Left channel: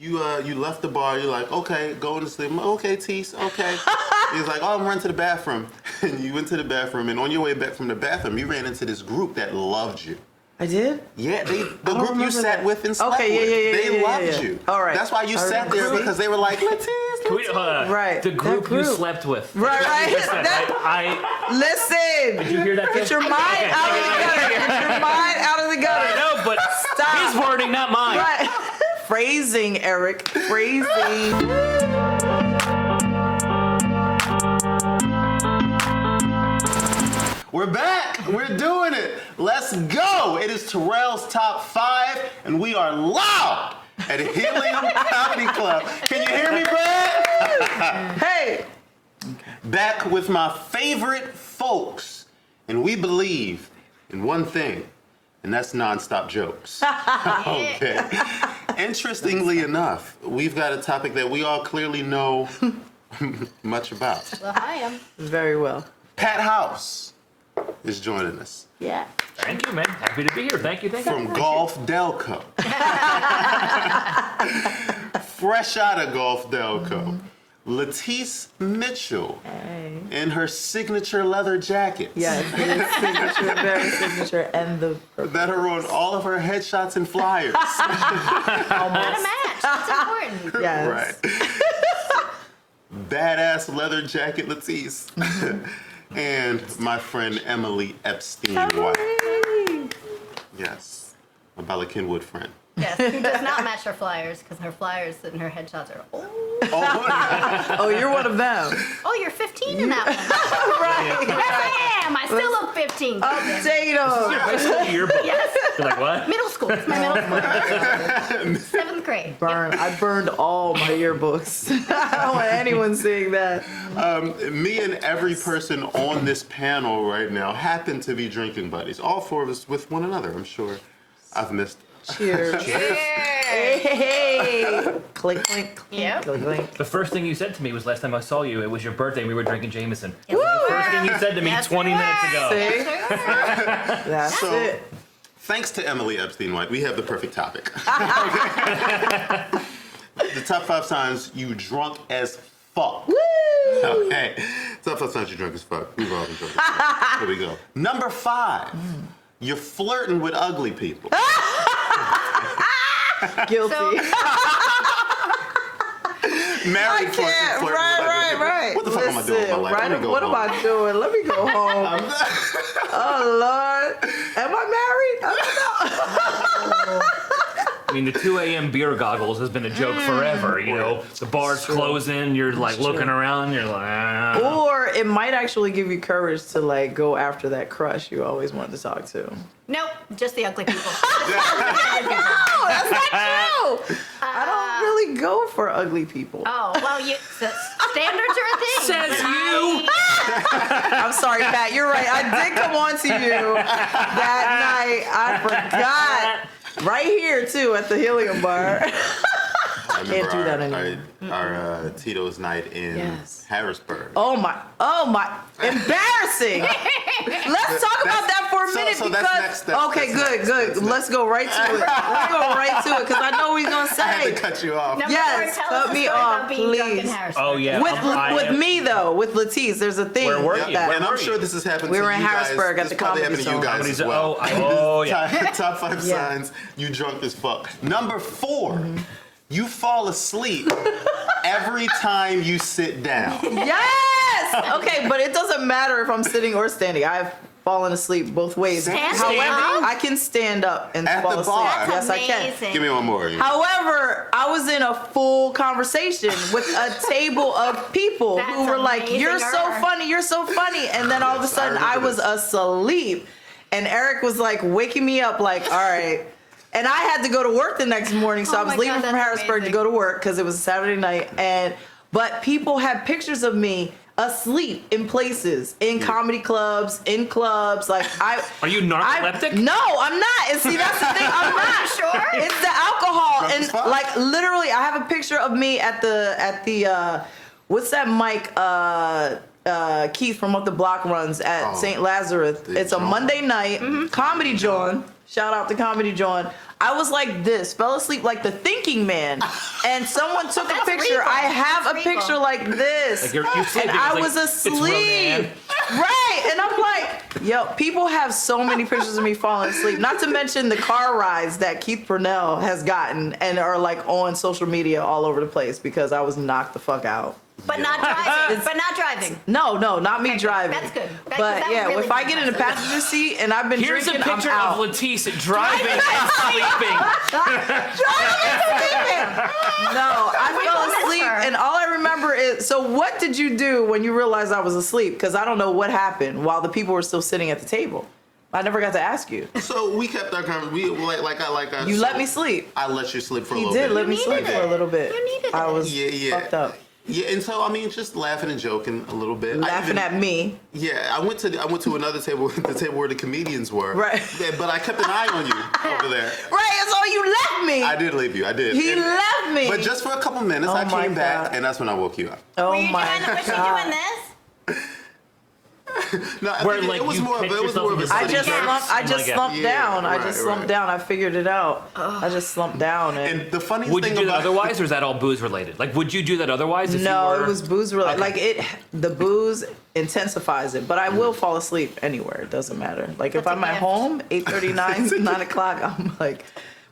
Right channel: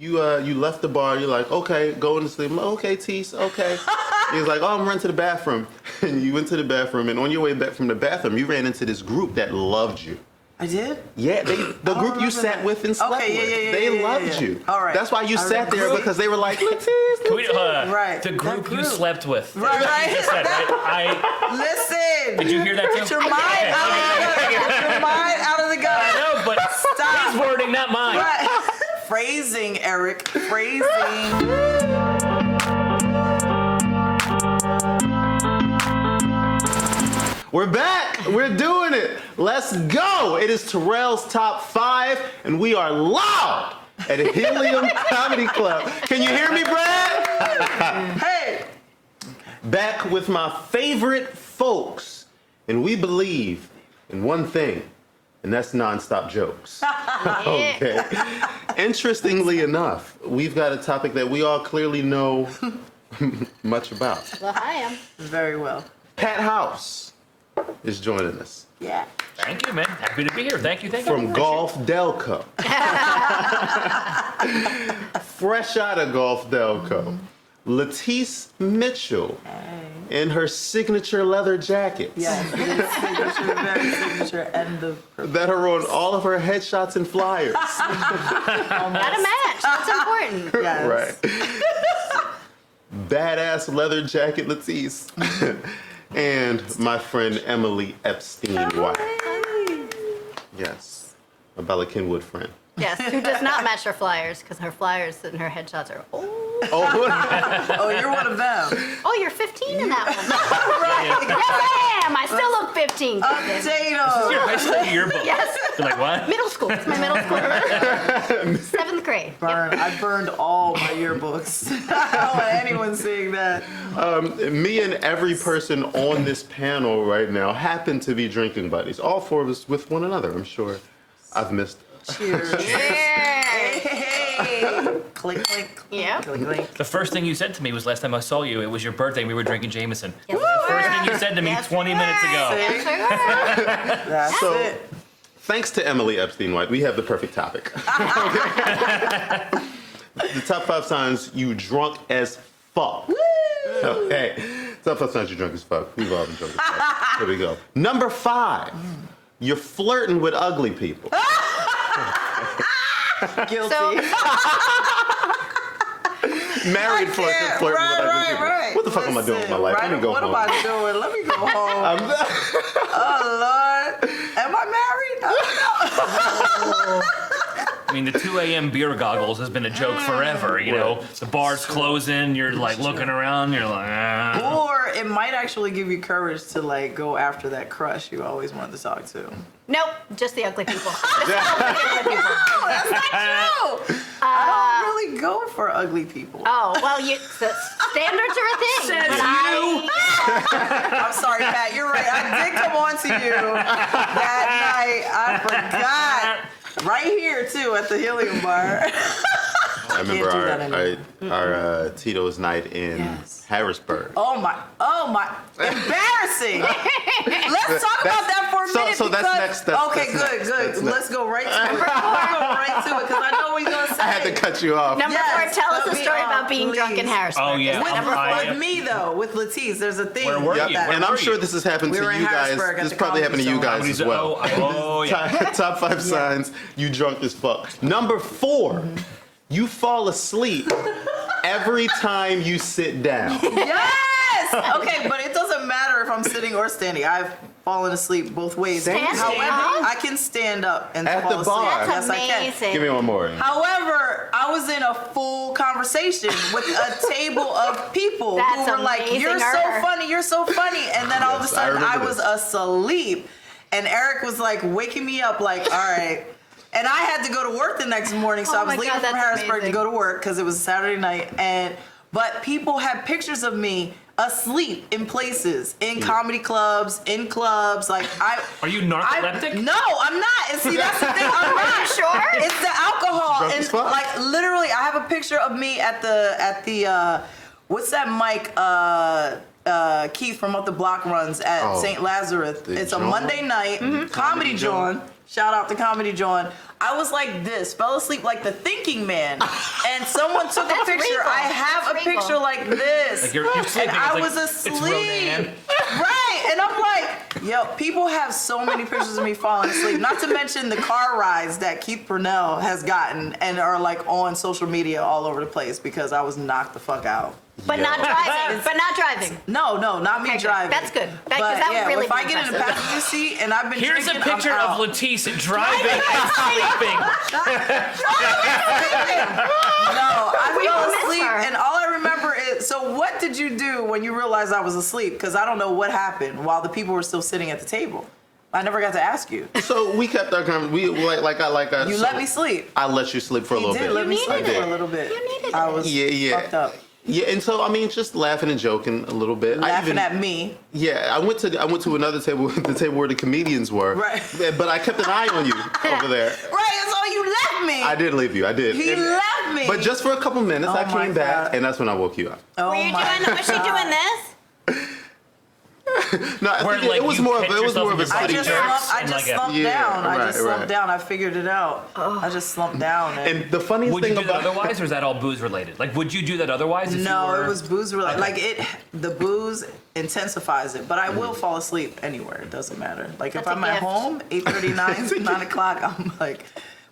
You left the bar. You're like, okay, going to sleep. I'm like, okay, Tease, okay. He's like, oh, I'm running to the bathroom. And you went to the bathroom, and on your way back from the bathroom, you ran into this group that loved you. I did? Yeah, the group you sat with and slept with. They loved you. All right. That's why you sat there, because they were like, LaTice. Right. The group you slept with. Right. Listen. Did you hear that too? Put your mind out of the gutter. Put your mind out of the gutter. I know, but Stop. his wording, not mine. Right. Phrasing, Erik. Phrasing. We're back. We're doing it. Let's go. It is Terrell's Top 5, and we are loud at Helium Comedy Club. Can you hear me, Brad? Hey. Back with my favorite folks, and we believe in one thing, and that's nonstop jokes. Okay. Interestingly enough, we've got a topic that we all clearly know much about. Well, I am. Very well. Pat House is joining us. Yeah. Thank you, man. Happy to be here. Thank you. From Golf Delco. Fresh out of Golf Delco. LaTice Mitchell in her signature leather jackets. Yeah, signature, very signature, and that are on all of her headshots and flyers. Gotta match. That's important. Yes. Right. Badass leather jacket LaTice. And my friend Emily Epstein-White. Yes. A Bella Kenwood friend. Yes, who does not match her flyers, because her flyers and her headshots are, Oh, you're one of them. oh, you're 15 in that one. Yes, I am. I still look 15. Potato. Your high school yearbook. Yes. You're like, what? Middle school. It's my middle school. 7th grade. Burn. I burned all my yearbooks. I don't want anyone seeing that. Me and every person on this panel right now happen to be drinking buddies. All four of us with one another. I'm sure I've missed. Cheers. Hey, hey, hey. Click, click. Yeah. Click, click. The first thing you said to me was last time I saw you, it was your birthday and we were drinking Jameson. Yes, The first thing you said to me Yes, 20 we minutes were. ago. See? That's So, it. thanks to Emily Epstein-White, we have the perfect topic. The top 5 times you drunk as fuck. Woo! Okay. Top 5 times you drunk as fuck. We've all been drunk as fuck. Here we go. Number 5. You're flirting with ugly people. Guilty. Married flirting with ugly people. Right. What the fuck am I doing with my life? Right, Let me go what home. am I doing? Let me go home. Oh, Lord. Am I married? I don't know. I mean, the 2 a.m. beer goggles has been a joke forever, you know? The bar's closing, you're like looking around, you're like, ah. Or it might actually give you courage to like go after that crush you always wanted to talk to. Nope, just the ugly people. Oh, that's not true. I don't really go for ugly people. Oh, well, the standards are a thing. Says you. I'm sorry, Pat. You're right. I did come on to you that night. I forgot. Right here too at the Helium bar. I remember Can't do that anymore. our Tito's night in Yes. Harrisburg. Oh my. Embarrassing. Let's talk about that for a minute so that's because. next, Okay, that's good. next. Let's go right to it. Let's go right to it because I know what he's gonna say. I had to cut you off. Number Yes, 4, tell us put a me story on, about being drunk in please. Harrisburg. Oh, yeah. With me though, with LaTice, there's a thing. Where were with you? that. And I'm sure this has happened We to were you in guys. Harrisburg at This the probably happened Comedy to you Zone. guys as well. Oh, yeah. Top 5 signs you drunk as fuck. Number 4, you fall asleep every time you sit down. Yes! Okay, but it doesn't matter if I'm sitting or standing. I've fallen asleep both ways. Standing? However, I can stand up and At fall the asleep. bar. Yes, That's I can. amazing. Give me one more. However, I was in a full conversation with a table of people who That's were like, amazing, "You're so Erik. funny, you're so funny," and then all of a Yes, I sudden I remember was this. asleep, and Erik was like waking me up, like, "All right." And I had to go to work the next morning, so Oh I was my leaving God, from that's Harrisburg amazing. to go to work because it was a Saturday night. But people had pictures of me asleep in places, in comedy clubs, in clubs. Like Are you narcoleptic? No, I'm not. And see, that's the thing. I'm not. Sure? It's the alcohol, Drunk as and fuck. like literally, I have a picture of me at the what's that mic? Keith from Up the Block runs at Oh, St. Lazarus. the It's a John? Monday night. Comedy John. Shout out to Comedy John. I was like this, fell asleep like the thinking man. And and someone took a That's picture. regal. I have a That's picture regal. like this. Like you're sleeping. and I it's was like, asleep. It's Rodan. Right. And I'm like, yo, people have so many pictures of me falling asleep. Not to mention the car rides that Keith Purnell has gotten and are like on social media all over the place because I was knocked the fuck out. But Yeah. not driving. But not driving. No, not me Okay, driving. that's good. That- But that would yeah, really if I be get in the impressive. passenger seat and I've been Here's drinking, a picture I'm of out. LaTice driving and sleeping. No, I We fell will miss asleep, her. and all I remember is. So, what did you do when you realized I was asleep? Because I don't know what happened while the people were still sitting at the table. I never got to ask you. So we kept our conversation. We like I. You so let me sleep. I let you sleep for a You little did bit. let me You sleep needed for a it. little bit. You needed I it. was Yeah. fucked up. Yeah, and so I mean, just laughing and joking a little bit. Laughing at me. Yeah, I went to another table, the table where the comedians were. Right. But I kept an eye on you over there. Right, so you left me. I did leave you. I did. He And- left me. But just for a couple minutes, Oh I my came back, God. and that's when I woke you up. Oh Were you my doing? Was she God. doing this? No, I Where, think like, it was you more of catch it was yourself more of in a your I body study. just jerks slumped, I and, just like, slumped Yeah, down. I right, just slumped right. down. I figured it out. I just slumped down. And the funniest Would thing you do that about otherwise, or is that all booze related? Like, would you do that otherwise? If No, you were... it was booze related. Okay. Like the booze intensifies it, but I will fall asleep anywhere. It doesn't matter. Like if That's a I'm at gift. home, 8:39, 9 o'clock, I'm like,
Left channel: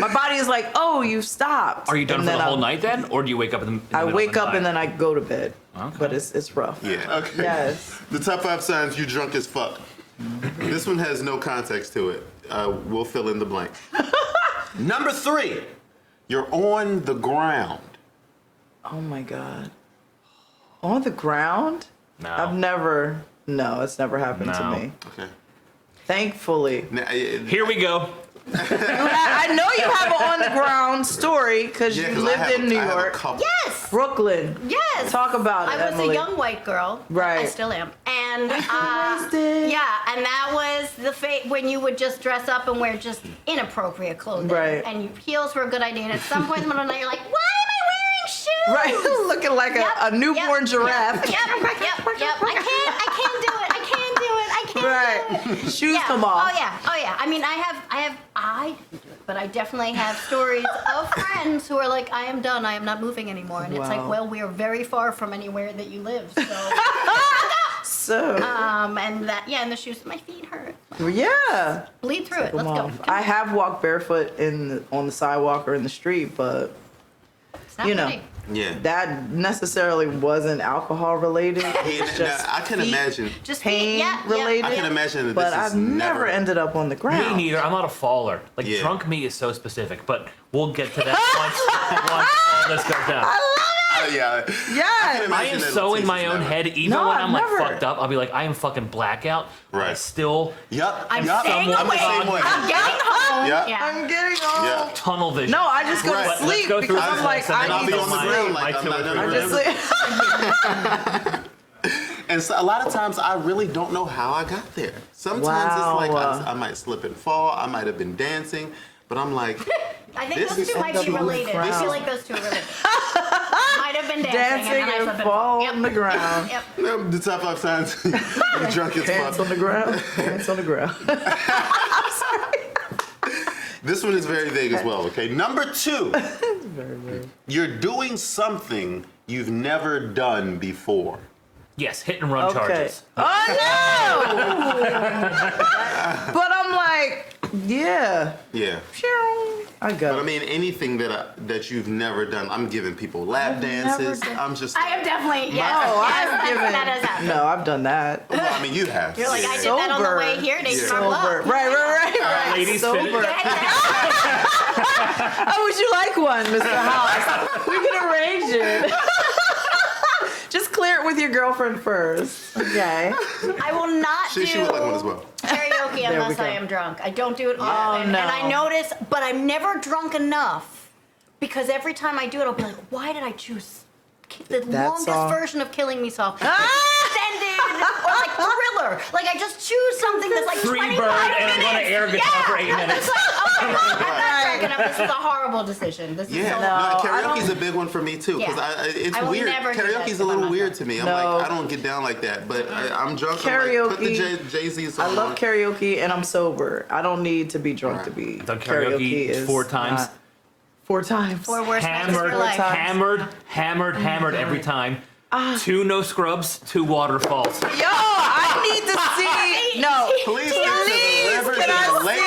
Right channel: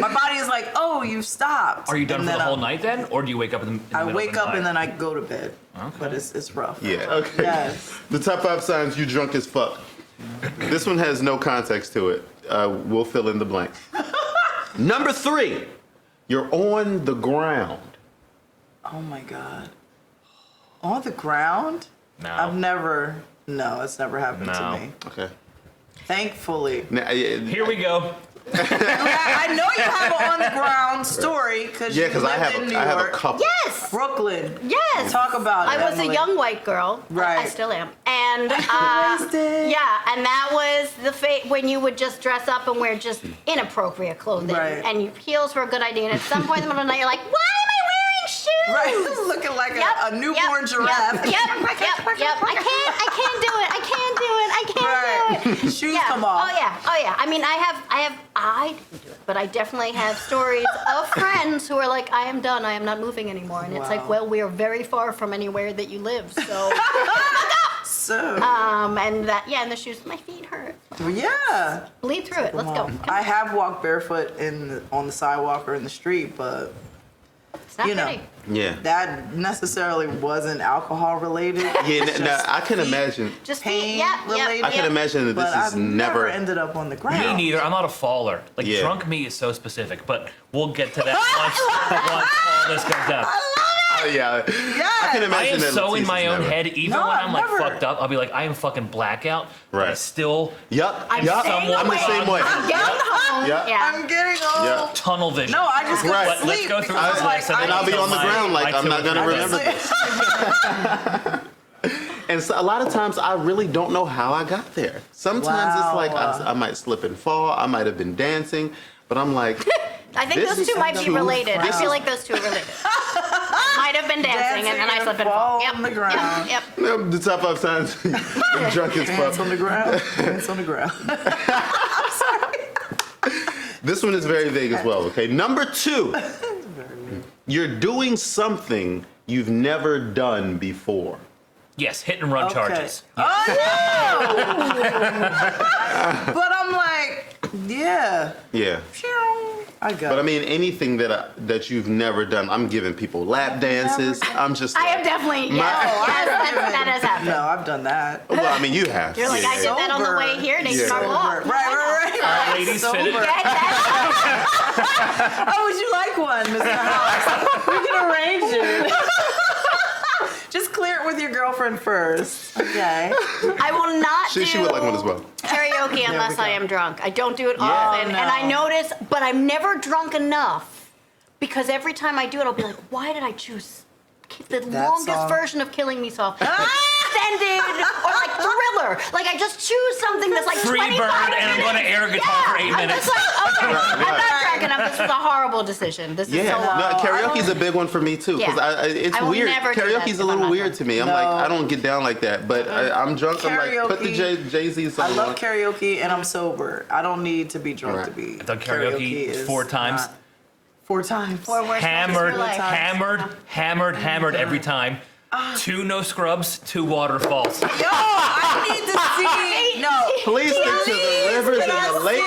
my body is like, oh, you've stopped. Are you done And for the then whole I'm- night then, or do you wake up in the I middle wake of the up night? and then I go to bed. Okay. But it's rough. Yeah. Okay. Yes. The top 5 signs you drunk as fuck. This one has no context to it. We'll fill in the blank. Number 3, you're on the ground. Oh my God. On the ground? No. I've never. No, it's never happened No. to me. Okay. Thankfully. Now, Here we go. I know you have an on the ground story because yeah, you because I lived in New have a York. couple. Yes. Brooklyn. Yes. Talk about it. I was Emily. a young white girl. Right. I still am. And Wasted. yeah, and that was the when you would just dress up and wear just inappropriate clothing. Right. And your heels were a good idea. And at some point in the middle of the night, you're like, why am I wearing shoes? Right, looking like Yep, a newborn yep, giraffe. Yep, yep. I can't do it. I can't do it. Right. Shoes Yeah. come off. Oh yeah. I mean, I didn't do it, but I definitely have stories of friends who are like, I am done. I am not moving anymore. And it's like, Wow. well, we're very far from anywhere that you live. So, So, and that, yeah, and the shoes, my feet hurt. yeah. Bleed through it. Let's go. I have walked barefoot on the sidewalk or in the street, but It's not you know. pretty. Yeah. that necessarily wasn't alcohol related. Yeah, It's now, just I can feet imagine. Just pain feet. Yeah, related. I can imagine that But this I've is never ended up on the ground. Me neither. I'm not a faller. Like, Yeah. drunk me is so specific, but we'll get to that once all this goes down. Yeah. Yes. can I imagine am that so in Latice my is own never- head, even No, when I've I'm like never. fucked up, I'll be like, I am fucking blackout. But I Right. still Yup. I'm yup. staying I'm the awake. same way. I'm getting home. Yeah. Yeah. I'm getting home. Yeah. tunnel vision. No, I just go Right. to Let's sleep go through because this I'm like, list and I then I'll need be to on the my- ground my like I'm two not or gonna three. remember. And so a lot of times I really don't know how I got there. Sometimes Wow. it's like I might slip and fall. I might have been dancing, but I'm like, I think This those is two might be too related. I proud. feel like those two are related. Might have been dancing, and then I slipped and fall fell. on the ground. Yep. no, the top 5 times you're drunk as Pants on fuck. the ground. Pants on the ground. This one is very vague as well, okay? Number 2, Very weird. you're doing something you've never done before. Yes, hit and run Okay. charges. Oh no! But I'm like, yeah. Yeah. I got But I it. mean, anything that you've never done, I'm giving people lap dances. done- I'm just. I have definitely, My- yes, Oh, yes, I've given- that has happened. No, I've done that. Well, I mean, you have. You're like, I did Yeah. that on the Sober. way here, and they Yeah. started Sober. up. Right. Ladies, Sober. fit it. How would you like one, Mr. House? We can arrange it. Just clear it with your girlfriend first. Okay. I will not do She would like one as well. karaoke we unless go. I am drunk. I don't do it Yeah. often, Oh, no. and I notice, but I'm never drunk enough because every time I do it, I'll be like, why did I choose the That longest song. version of Killing Me Soft? Extended or like Thriller. Like I just choose something that's like Free 25 bird, and I'm minutes. going to air guitar for 8 I'm minutes. just like, okay, I'm not drunk enough. This was a horrible decision. This is Yeah, so no, I karaoke's don't- a big one for me too. Because Yeah. it's I will weird. never do that Karaoke's if a I'm little not weird drunk. to me. I'm No. like, I don't get down like that. But I'm drunk. I'm like, put the Karaoke. Jay-Z song I love on. karaoke and I'm sober. I don't need to be drunk Right. to be. I've done karaoke is 4 times. not- 4 times. 4 worst nights of Hammered, your life. hammered every time. 2 no scrubs, 2 waterfalls. Yo, I need to see. No. Please stick to the rivers can and the I lakes.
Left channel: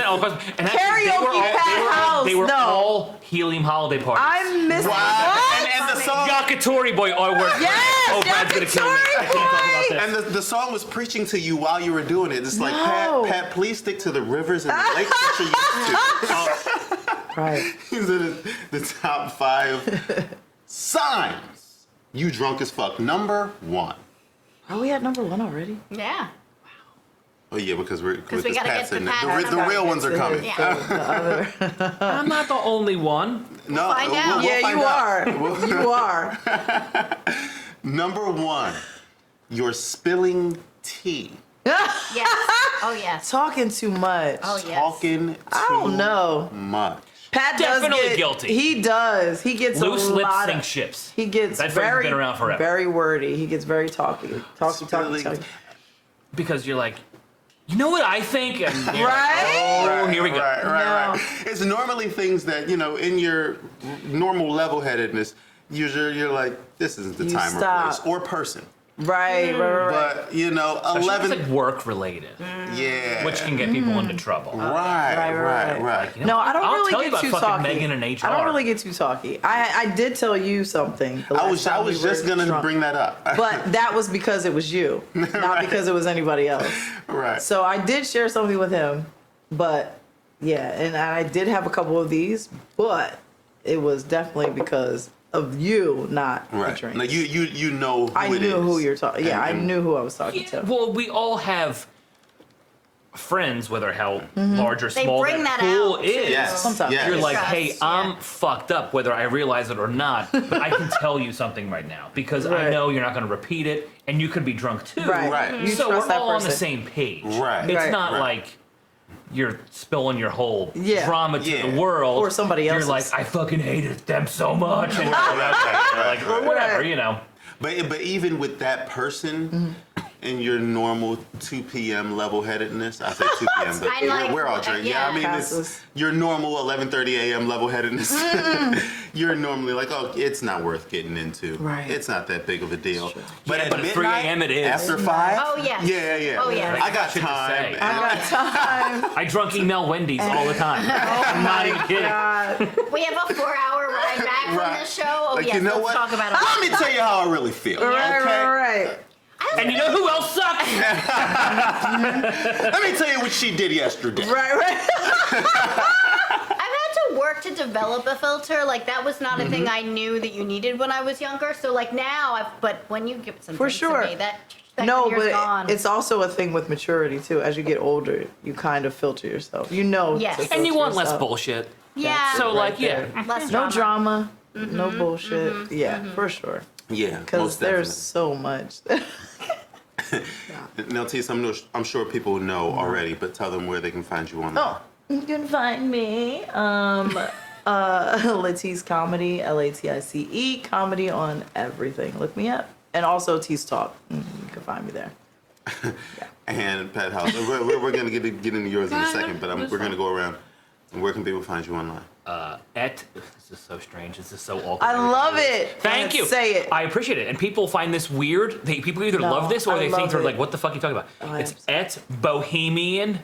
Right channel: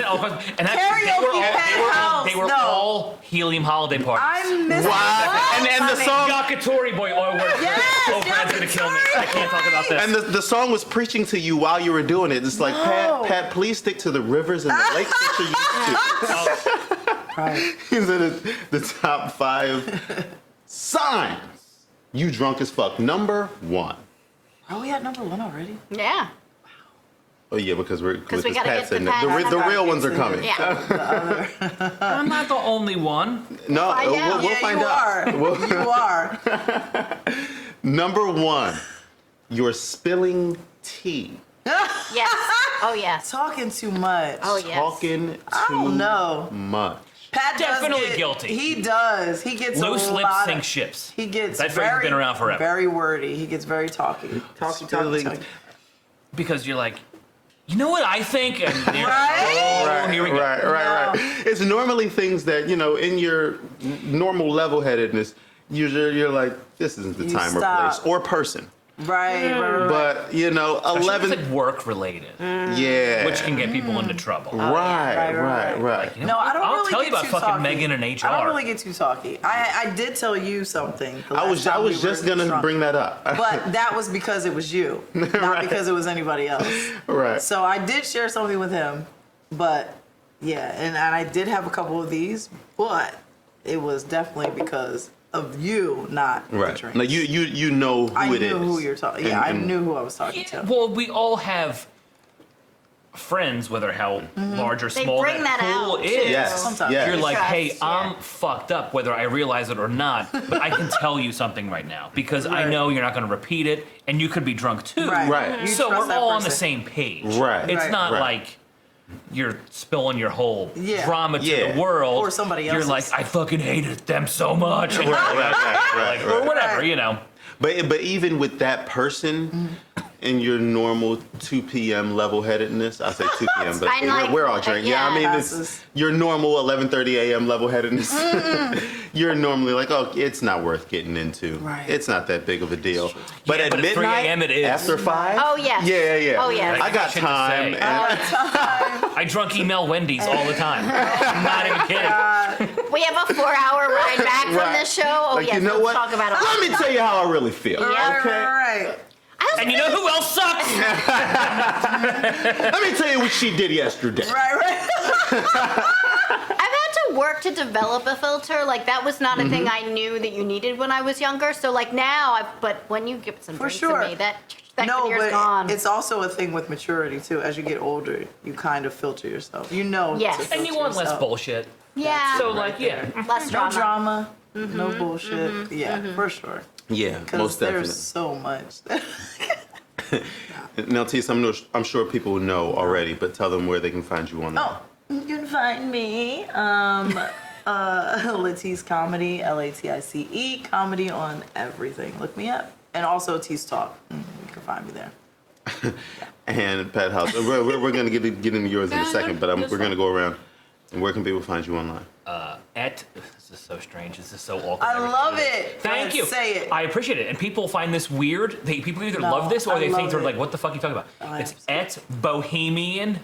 100% all questions. And actually, Karaoke they were house, no. all Helium holiday parties. I missed Wow. And the song, Yakitori boy, oh, Yes, Brad's gonna kill me. I can't talk about this. and the song was preaching to you while you were doing it. It's like, No. Pat, please stick to the rivers and the lakes that you're used to. Right. These are the top 5 signs you drunk as fuck. Number 1. Are we at number 1 already? Yeah. Oh yeah, because we gotta Pat's get the in there. Pat The number. real ones are coming. Yeah. I'm not the only one. No, find out. we'll Yeah, find you out. are. You are. Number 1, you're spilling tea. Yes. Oh, yes. Talking too much. Oh, yes. Talking I don't too know. much. Pat does Definitely get, guilty. He does. He gets Loose a lips lot sink of, ships. He gets That phrase has very, been around forever. very wordy. He gets very talky. Talky. Spilling Because you're like, you know what I think? And you're Right? like, oh, here we go. Right. No. It's normally things that, in your normal level-headedness, you're like, this isn't the You time or stop. place or person. Right. But, Especially 11. if it's like work related, Yeah. which can get people into trouble. Right. Like, you know, No, I don't I'll really tell get you about too fucking talky. Megan and HR. I don't really get too talky. I did tell you something. the I last was time we just were gonna drunk. bring that up. But that was because it was you, not Right. because it was anybody else. Right. So I did share something with him, but yeah, and I did have a couple of these, but it was definitely because of you, not the Right. drinks. Now you know who I it is. knew who you're talking. Yeah, I And- knew who I was talking to. Well, we all have friends, whether how large or They small bring that pool out, is. too. Yes. Sometimes. yes. You're like, Trust, hey, yeah. I'm fucked up, whether I realize it or not, but I can tell you something right now because I Right. know you're not going to repeat it, and you could be drunk too. Right. Right. You So trust we're that all on the person. same page. Right. It's Right. not Right. like you're spilling your whole Yeah. drama to Yeah. the world. Or somebody You're else's. like, I fucking hated them so much. And Right. or whatever, Right. you know. But even with that person in your normal 2 p.m. level-headedness, I say 2 p.m., but I like we're all that, drinking. yeah. I mean, Passes. it's your normal 11:30 a.m. level-headedness. You're normally like, oh, it's not worth getting into. Right. It's not that big of a deal. But Yeah, at but at 3 midnight, a.m. it is. after 5, Oh, yes. yeah. Oh, yes. I got Shit to time. say. and- I drunk email Wendy's all the time. I'm not even kidding. We have a 4-hour ride back from Right. this show. Oh, like, yes, you know let's what? talk about it. Let me tell you how I really feel. Right, Okay. right. And you know who else sucks? Let me tell you what she did yesterday. Right. I've had to work to develop a filter. Like, that was not a thing I knew that you needed when I was younger. So, like, now, but when you give some For drinks sure. to me, that No, year's but gone. it's also a thing with maturity too. As you get older, you kind of filter yourself. You know. Yes. to And And you filter want less yourself. bullshit. yeah. So, Right like, yeah. there. less No drama. drama, no bullshit. Yeah, for sure. Yeah, Because most there's definitely. so much. Now, Tisa, I'm sure people know already, but tell them where they can find you online. Oh, you can find me, LaTice Comedy, LATICE Comedy on everything. Look me up, and also Tease Talk. You can find me there. And Pat House. We're going to get into yours in a second, but we're going to go around. And where can people find you online? This is so strange. This is so awkward. I love it. Thank you. Say it. I appreciate it. And people find this weird. People either No, love this or I they think love they're it. like, what the fuck are you talking about? I It's absolutely- at Bohemian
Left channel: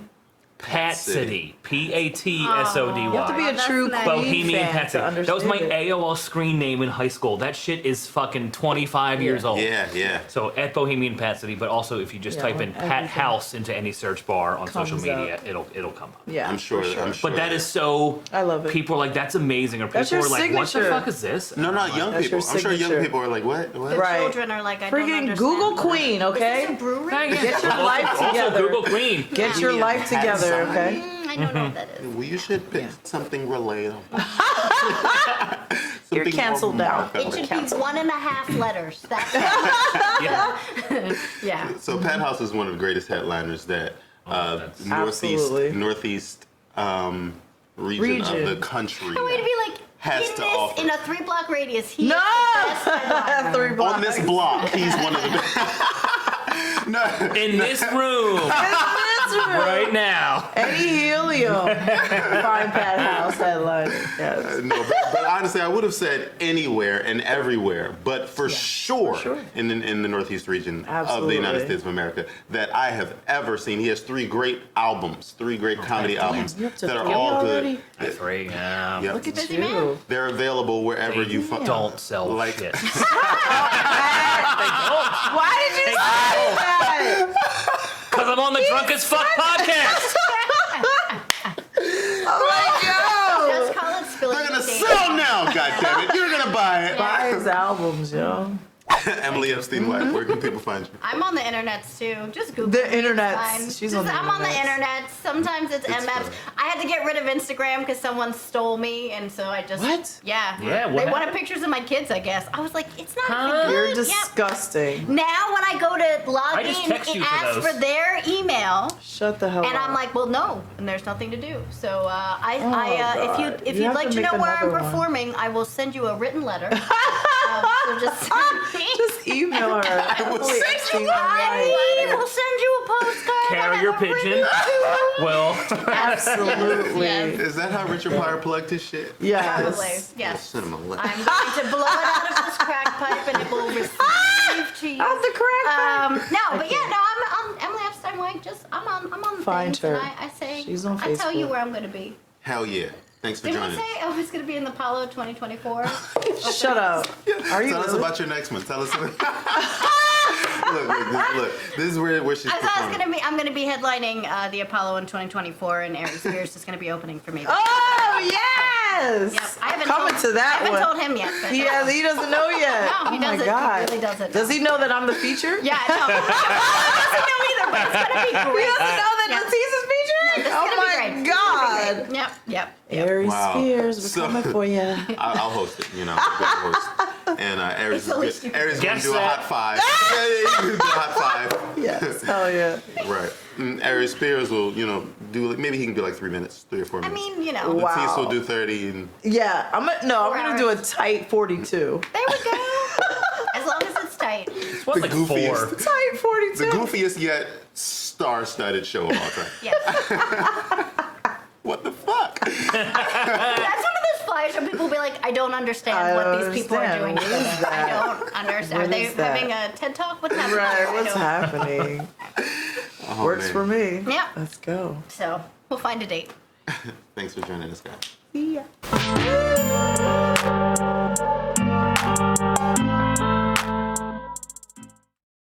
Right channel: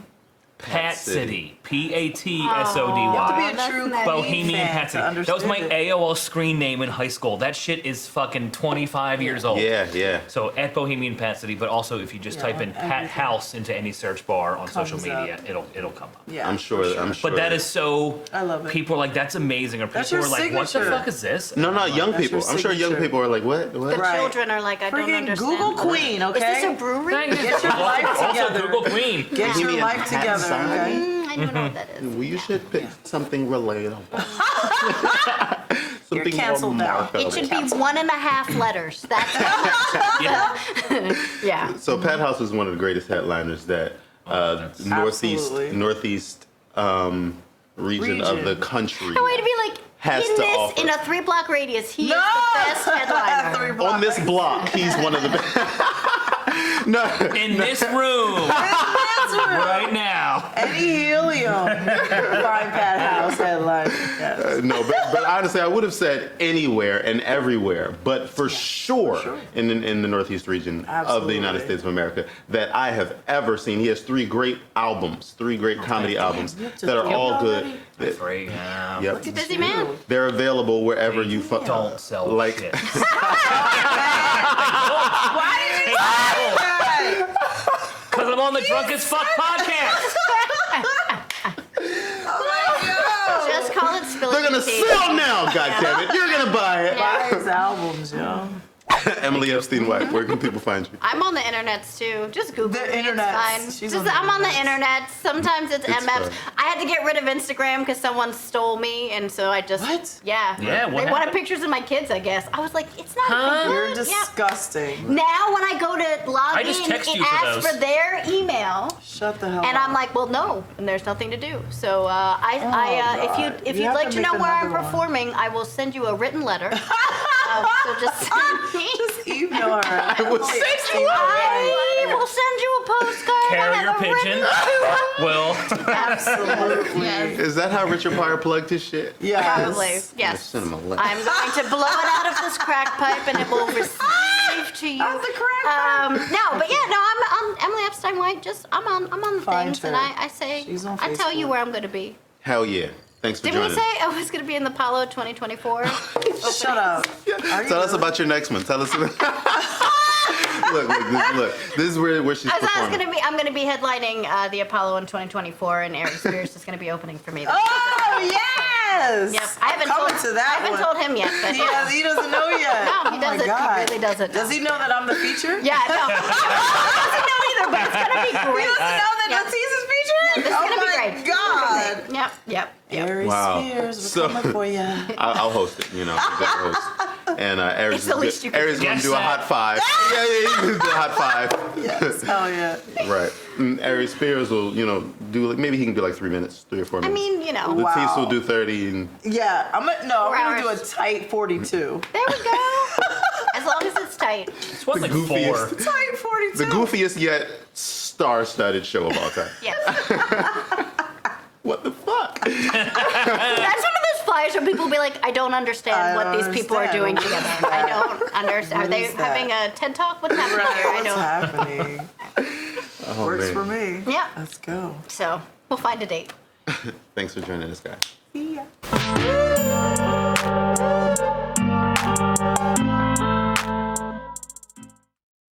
Pat City. PATSODY. You have to be a That's true nice. Queen Bohemian fan Pat to City. That was my understand it. AOL screen name in high school. That shit is fucking 25 years old. Yeah. So at Bohemian Pat City, but also if you just Yeah, type in on Pat everything. House into any search bar on social Comes media, up. it'll come up. Yeah, I'm sure. But that is so. I love it. People are like, that's amazing, or That's people are your like, what the signature. fuck is this? No, young That's people. your I'm sure young signature. people are like, what? The Right. children are like, I don't Friggin' understand. Google Queen, Is okay? this a brewery? Thank you. Get your life Also, together. Google Queen. Get your Yeah. life together, Inside. okay? I don't know what that is. Well, you should pick something relatable. You're canceled now. It should be 1.5 letters. That's Yeah. yeah. So Pat House is one of the greatest headliners that that's- Absolutely. northeast region of the country I want to be like, has in to this, offer. in a 3-block radius, he's No! the best headliner. 3 blocks. On this block, he's one of the best. No, In this room. This right now. Eddie Helium. Frying pan house headline. Yes. No, but honestly, I would have said anywhere and everywhere, but for sure, in the Northeast region of the United States of America that I have ever seen. He has 3 great albums, 3 great comedy albums that are all good. Free. Yep. Look at Busy you. man. They're available wherever you Don't sell like. shit. Why did you say that? Because I'm on the Drunk as Fuck podcast. Oh my God. Just call it spilling They're gonna the tea. sell now, goddammit! You're gonna buy it. Buy his albums, yo. Emily Epstein-White, where can people find you? I'm on the internets too. Just Google The me, it's internets. fine. She's Just, on the I'm on the internets. internet. Sometimes it's It's MFs. fine. I had to get rid of Instagram because someone stole me, and so I just What? Yeah. Yeah, what They wanted happened? pictures of my kids, I guess. I was like, it's not Huh? even You're good. disgusting. Yeah. Now when I go to log I just in text and you for ask those. for their email, Shut the hell and up. I'm like, well, no, and there's nothing to do. So God. if You you'd have like to to know make where I'm another one. performing, I will send you a written letter. So just Just email her. I will Emily send you Epstein-White. I will send you a postcard. I Carrier have a pigeon. written- Well, Absolutely. Yes. Is that how Richard Pryor plugged his shit? Probably, Yes. yes. Send him a letter. I'm going to blow it out of this crack pipe and it will receive to you. Out the crack pipe. No, but yeah, no, I'm on Emily Epstein-White. Just I'm on the Find things, and her. I say She's on I tell you Facebook. where I'm going to be. Hell yeah. Thanks for Didn't we joining say I was going to be in the Apollo 2024? Shut up. Are you Tell us really? about your next one. Tell us. Look. This is where she's I was performing. going to be. I'm going to be headlining the Apollo in 2024, and Erik Spears is going to be opening for me. Oh, yes. Yep, I haven't Coming told, to that I haven't one. told him yet. But He doesn't know yet. No, he Oh doesn't. My He God. really doesn't. Does he know that I'm the feature? Yeah, no. He doesn't know either, but it's going to be He great. doesn't know that LaTice is featuring? This is Oh gonna be my great. God. Yep. Erik Wow. Spears, we're So- coming for you. I'll host it. You know, I'm gonna host. And Eric's It's the least you can Eric's gonna Guess do a that. hot 5. Yeah, he's gonna do a hot 5. Yes. Oh, yeah. Right. Erik Spears will, do maybe he can do like 3 minutes, 3 or 4 I minutes. mean, Wow. LaTice will do 30 and Yeah, I'm going to do a tight 42. There we go. As long as it's tight. it's what, like goofiest. 4. Tight 42. the goofiest yet star-studded show of all time. Yes. What the fuck? That's one of those flyers where people will be like, I don't understand what these people are doing understand. together. I don't understand. What Are they is that? having a TED Talk? What's happening here? Right, I what's don't. happening? Oh, Works man. for me. Yeah. Let's go. So we'll find a date. Thanks for joining us, guys. See ya.